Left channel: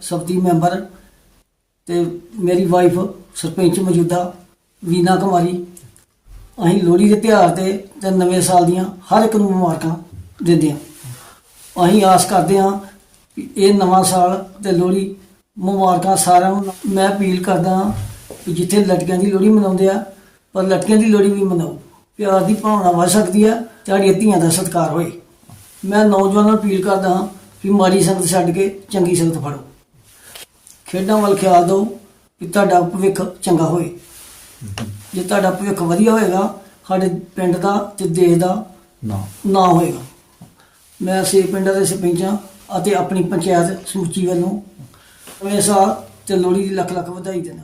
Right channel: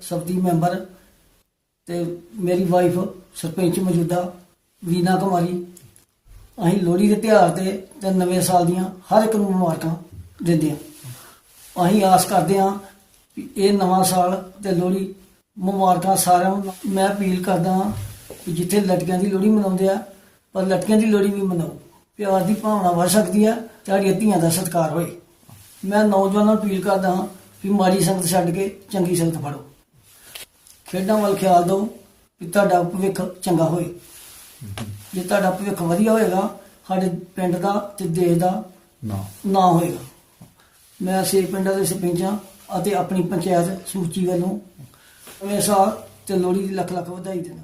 ਸਬਤੀ member ਤੇ ਮੇਰੀ wife sarpanch ਮੌਜੂਦਾ ਵੀਨਾ ਕੁਮਾਰੀ। ਅਸੀਂ ਲੋਹੜੀ ਦੇ ਤਿਉਹਾਰ ਤੇ ਤੇ ਨਵੇਂ ਸਾਲ ਦੀਆਂ ਹਰ ਇੱਕ ਨੂੰ ਮੁਬਾਰਕਾਂ ਦਿੰਦੇ ਹਾਂ। ਅਸੀਂ ਆਸ ਕਰਦੇ ਹਾਂ ਕਿ ਇਹ ਨਵਾਂ ਸਾਲ ਤੇ ਲੋਹੜੀ ਮੁਬਾਰਕਾਂ ਸਾਰਿਆਂ ਨੂੰ ਮੈਂ ਅਪੀਲ ਕਰਦਾ ਹਾਂ ਕਿ ਜਿੱਥੇ ਲੜਕੀਆਂ ਦੀ ਲੋਹੜੀ ਮਨਾਉਂਦੇ ਆ, ਪਰ ਲੜਕੀਆਂ ਦੀ ਲੋਹੜੀ ਵੀ ਮਨਾਓ। ਪਿਆਰ ਦੀ ਭਾਵਨਾ ਵੱਧ ਸਕਦੀ ਹੈ ਤੁਹਾਡੀਆਂ ਧੀਆਂ ਦਾ ਸਤਿਕਾਰ ਹੋਏ। ਮੈਂ ਨੌਜਵਾਨਾਂ ਨੂੰ ਅਪੀਲ ਕਰਦਾ ਹਾਂ ਕਿ ਮਾੜੀ ਸੰਗਤ ਛੱਡ ਕੇ ਚੰਗੀ ਸੰਗਤ ਫੜੋ। ਖੇਡਾਂ ਵੱਲ ਖਿਆਲ ਦਿਓ ਕਿ ਤੁਹਾਡਾ ਭਵਿੱਖ ਚੰਗਾ ਹੋਏ ਜੇ ਤੁਹਾਡਾ ਭਵਿੱਖ ਵਧੀਆ ਹੋਏਗਾ ਸਾਡੇ ਪਿੰਡ ਦਾ ਤੇ ਦੇਸ਼ ਦਾ ਨਾ। ਨਾ ਹੋਏਗਾ। ਮੈਂ ਸੇ ਪਿੰਡਾਂ ਦੇ ਸਰਪੰਚਾਂ ਅਤੇ ਆਪਣੀ ਪੰਚਾਇਤ ਸਮੁੱਚੀ ਵੱਲੋਂ ਇਸ ਸਾਲ ਤੇ ਲੋਹੜੀ ਦੀ ਲੱਖ ਲੱਖ ਵਧਾਈ ਦਿੰਦਾ।